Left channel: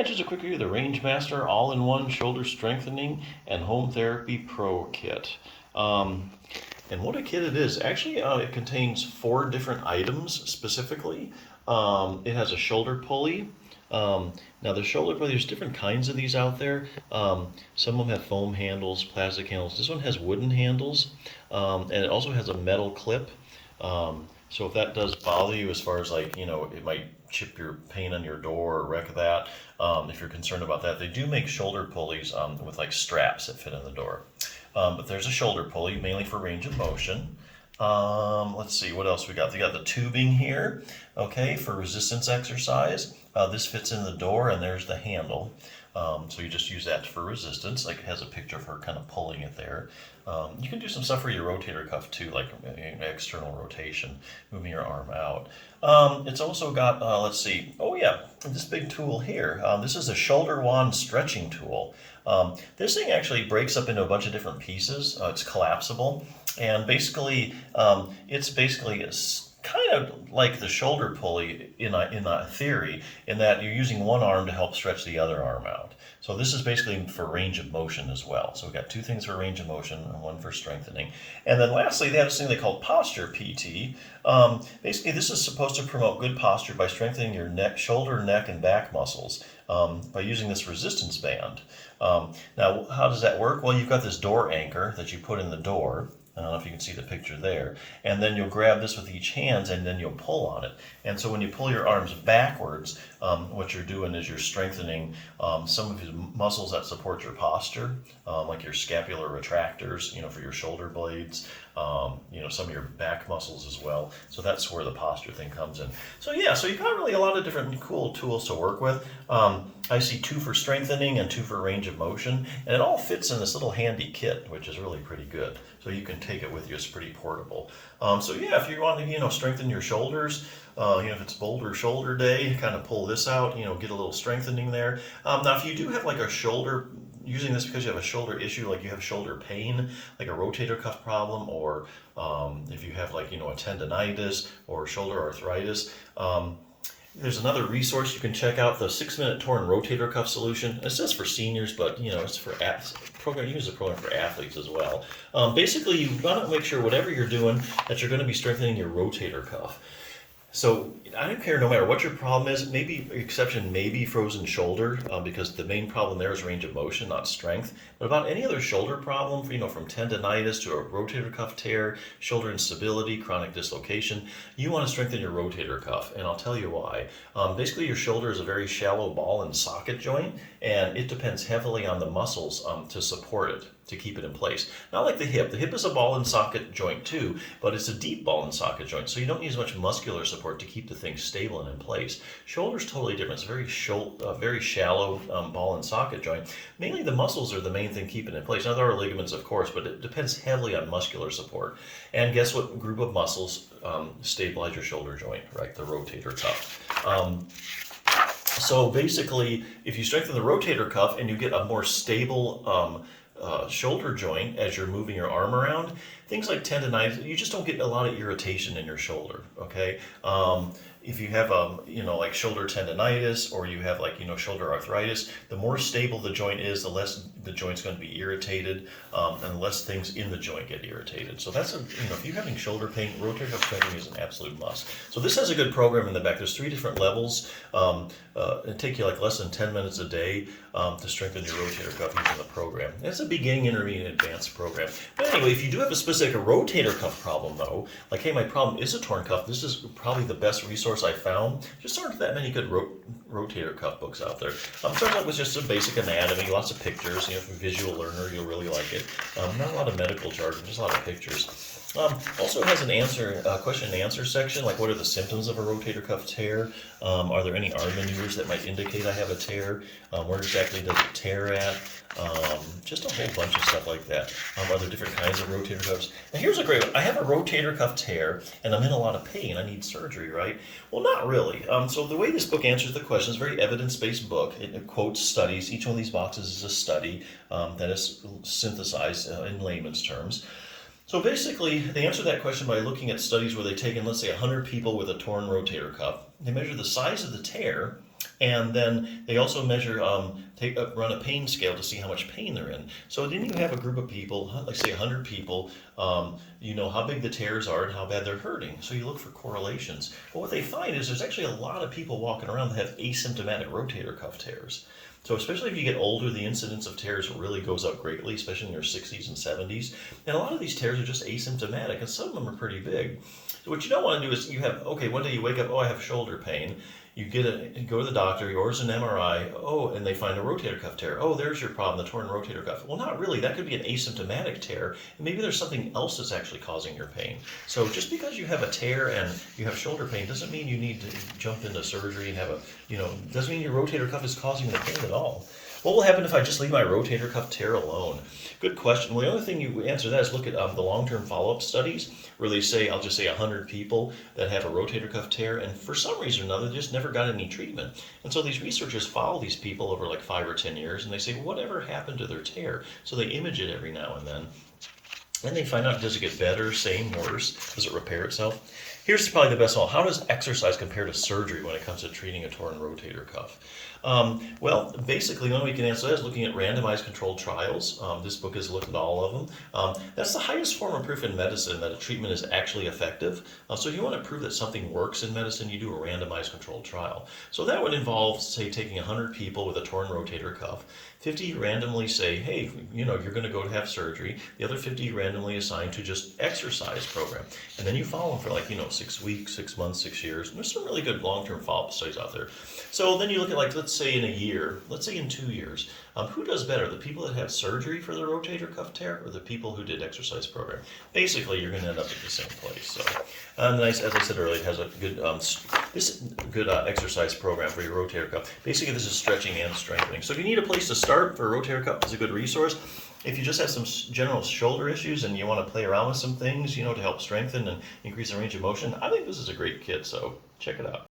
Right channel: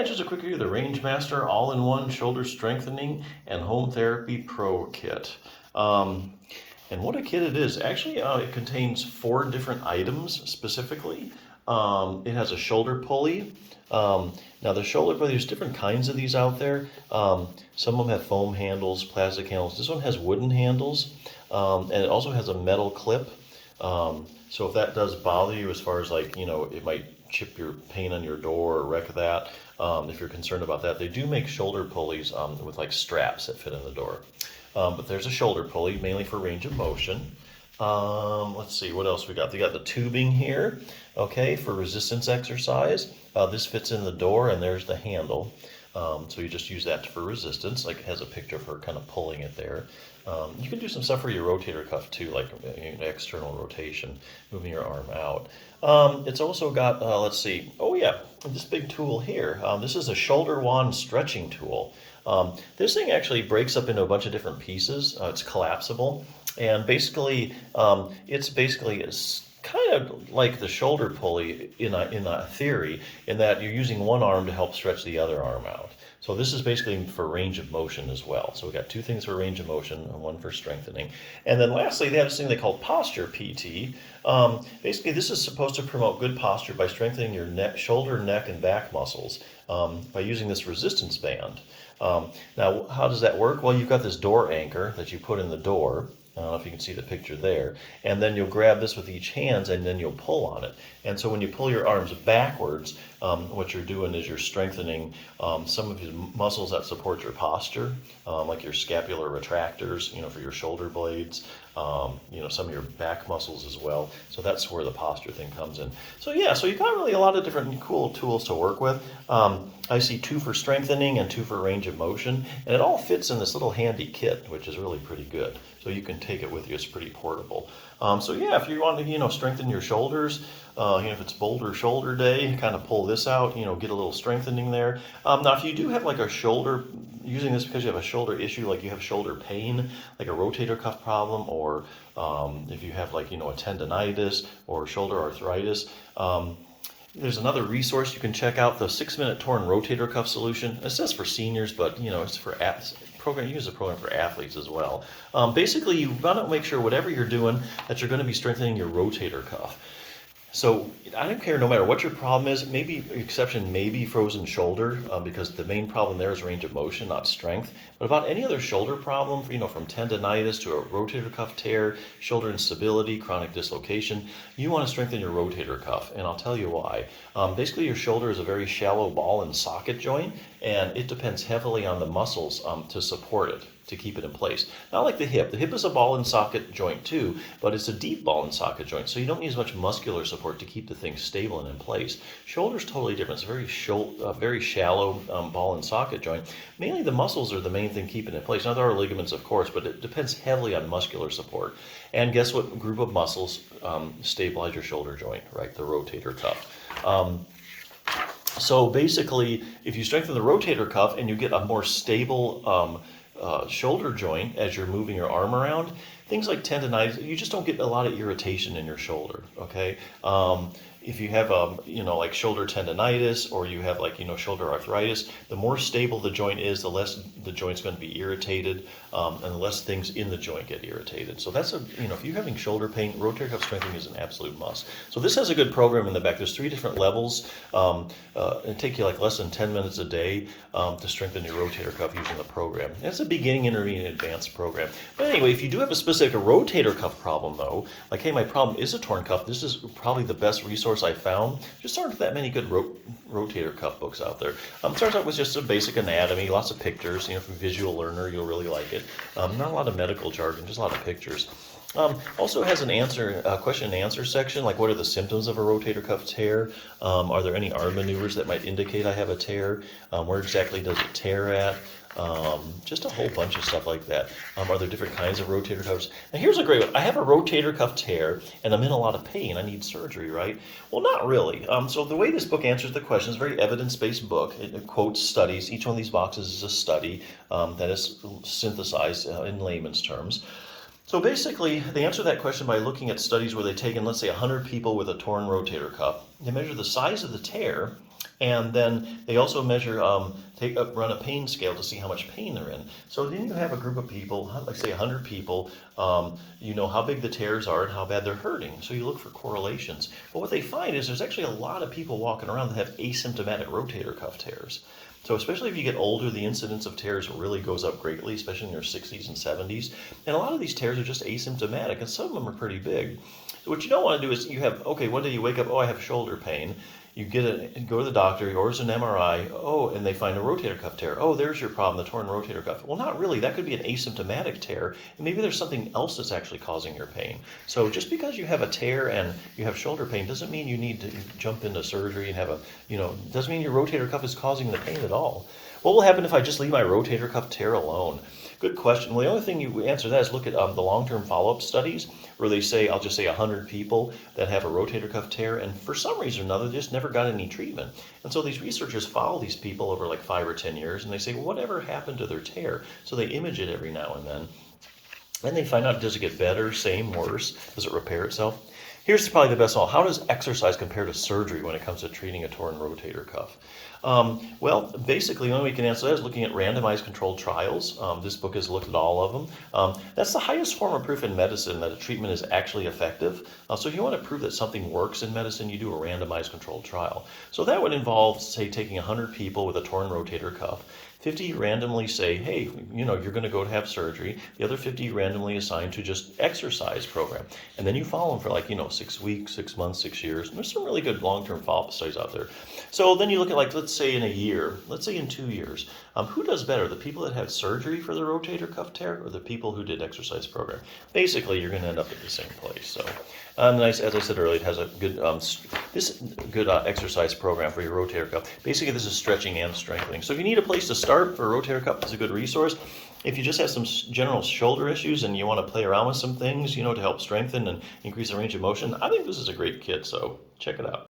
Yeah, just a quick review of the RangeMaster All-in-One Shoulder Strengthening and Home Therapy Pro Kit. And what a kit it is. Actually, it contains 4 different items specifically. It has a shoulder pulley. Now the shoulder pulley, there's different kinds of these out there. Some of them have foam handles, plastic handles. This one has wooden handles, and it also has a metal clip. So if that does bother you, as far as like, it might chip your paint on your door or wreck that, if you're concerned about that, they do make shoulder pulleys with like straps that fit in the door. But there's a shoulder pulley, mainly for range of motion. Let's see, what else we got? They got the tubing here, okay, for resistance exercise. This fits in the door, and there's the handle. So you just use that for resistance, like it has a picture of her kind of pulling it there. You can do some stuff for your rotator cuff too, like external rotation, moving your arm out. It's also got, let's see, oh yeah, this big tool here. This is a shoulder wand stretching tool. This thing actually breaks up into a bunch of different pieces. It's collapsible, and basically, it's kind of like the shoulder pulley in a theory, in that you're using one arm to help stretch the other arm out. So this is basically for range of motion as well. So we've got 2 things for range of motion and 1 for strengthening. And then lastly, they have this thing they call Posture PT. Basically, this is supposed to promote good posture by strengthening your neck, shoulder, neck, and back muscles by using this resistance band. Now, how does that work? Well, you've got this door anchor that you put in the door. I don't know if you can see the picture there. And then you'll grab this with each hand, and then you'll pull on it. And so when you pull your arms backwards, what you're doing is you're strengthening some of your muscles that support your posture, like your scapular retractors, for your shoulder blades, some of your back muscles as well. So that's where the posture thing comes in. So yeah, so you've got really a lot of different cool tools to work with. I see 2 for strengthening and 2 for range of motion, and it all fits in this little handy kit, which is really pretty good. So you can take it with you. It's pretty portable. So yeah, if you want to, strengthen your shoulders, if it's Boulder Shoulder Day, kind of pull this out, get a little strengthening there. Now, if you do have like a shoulder, using this because you have a shoulder issue, like you have shoulder pain, like a rotator cuff problem, or if you have like, a tendonitis or shoulder arthritis, there's another resource you can check out, the 6-minute torn rotator cuff solution. It says for seniors, but it's for program. You use a program for athletes as well. Basically, you want to make sure whatever you're doing that you're going to be strengthening your rotator cuff. So I don't care no matter what your problem is. Maybe exception may be frozen shoulder because the main problem there is range of motion, not strength. But about any other shoulder problem, from tendonitis to a rotator cuff tear, shoulder instability, chronic dislocation, you want to strengthen your rotator cuff, and I'll tell you why. Basically, your shoulder is a very shallow ball and socket joint, and it depends heavily on the muscles to support it, to keep it in place. Not like the hip. The hip is a ball and socket joint too, but it's a deep ball and socket joint, so you don't need as much muscular support to keep the thing stable and in place. Shoulder's totally different. It's a very shallow ball and socket joint. Mainly the muscles are the main thing keeping it in place. Now there are ligaments, of course, but it depends heavily on muscular support. And guess what group of muscles stabilize your shoulder joint, right? The rotator cuff. So basically, if you strengthen the rotator cuff and you get a more stable shoulder joint as you're moving your arm around, things like tendonitis, you just don't get a lot of irritation in your shoulder, okay? If you have like shoulder tendonitis, or you have like shoulder arthritis, the more stable the joint is, the less the joint's going to be irritated, and the less things in the joint get irritated. So that's if you're having shoulder pain, rotator cuff strengthening is an absolute must. So this has a good program in the back. There's 3 different levels. It take you like less than 10 minutes a day to strengthen your rotator cuff using the program. And it's a beginning, intermediate, and advanced program. But anyway, if you do have a specific rotator cuff problem though, like hey, my problem is a torn cuff, this is probably the best resource I found. Just aren't that many good rotator cuff books out there. Starts out with just a basic anatomy, lots of pictures. If you're a visual learner, you'll really like it. Not a lot of medical jargon, just a lot of pictures. Also has a question and answer section, like what are the symptoms of a rotator cuff tear? Are there any arm maneuvers that might indicate I have a tear? Where exactly does it tear at? Just a whole bunch of stuff like that. Are there different kinds of rotator cuffs? Now here's a great one. I have a rotator cuff tear and I'm in a lot of pain. I need surgery, right? Well, not really. So the way this book answers the question is a very evidence-based book. It quotes studies. Each one of these boxes is a study that is synthesized in layman's terms. So basically, they answer that question by looking at studies where they've taken, let's say, 100 people with a torn rotator cuff. They measure the size of the tear And then they also measure, run a pain scale to see how much pain they're in. So then you have a group of people, like say 100 people, you know how big the tears are and how bad they're hurting. So you look for correlations. But what they find is there's actually a lot of people walking around that have asymptomatic rotator cuff tears. So especially if you get older, the incidence of tears really goes up greatly, especially in your 60s and 70s. And a lot of these tears are just asymptomatic, and some of them are pretty big. So what you don't want to do is you have, okay, one day you wake up, oh, I have shoulder pain. You go to the doctor, he orders an MRI, oh, and they find a rotator cuff tear. Oh, there's your problem, the torn rotator cuff. Well, not really. That could be an asymptomatic tear, and maybe there's something else that's actually causing your pain. So just because you have a tear and you have shoulder pain doesn't mean you need to jump into surgery and have doesn't mean your rotator cuff is causing the pain at all. What will happen if I just leave my rotator cuff tear alone? Good question. Well, the only thing you answer that is look at the long-term follow-up studies where they say, I'll just say 100 people that have a rotator cuff tear, and for some reason or another, they just never got any treatment. And so these researchers follow these people over like 5 or 10 years, and they say, well, whatever happened to their tear? So they image it every now and then. And they find out, does it get better, same, worse? Does it repair itself? Here's probably the best of all. How does exercise compare to surgery when it comes to treating a torn rotator cuff? Well, basically, the only way we can answer that is looking at randomized controlled trials. This book has looked at all of them. That's the highest form of proof in medicine that a treatment is actually effective. So if you want to prove that something works in medicine, you do a randomized controlled trial. So that would involve, say, taking 100 people with a torn rotator cuff. 50 randomly say, hey, you're going to go to have surgery. The other 50 randomly assigned to just exercise program. And then you follow them for 6 weeks, 6 months, 6 years. And there's some really good long-term follow-up studies out there. So then you look at let's say in a year, let's say in 2 years, who does better? The people that had surgery for their rotator cuff tear or the people who did exercise program? Basically, you're going to end up at the same place. So, as I said earlier, it has a good exercise program for your rotator cuff. Basically, this is stretching and strengthening. So if you need a place to start for a rotator cuff, it's a good resource. If you just have some general shoulder issues and you want to play around with some things, to help strengthen and increase the range of motion, I think this is a great kit. So check it out.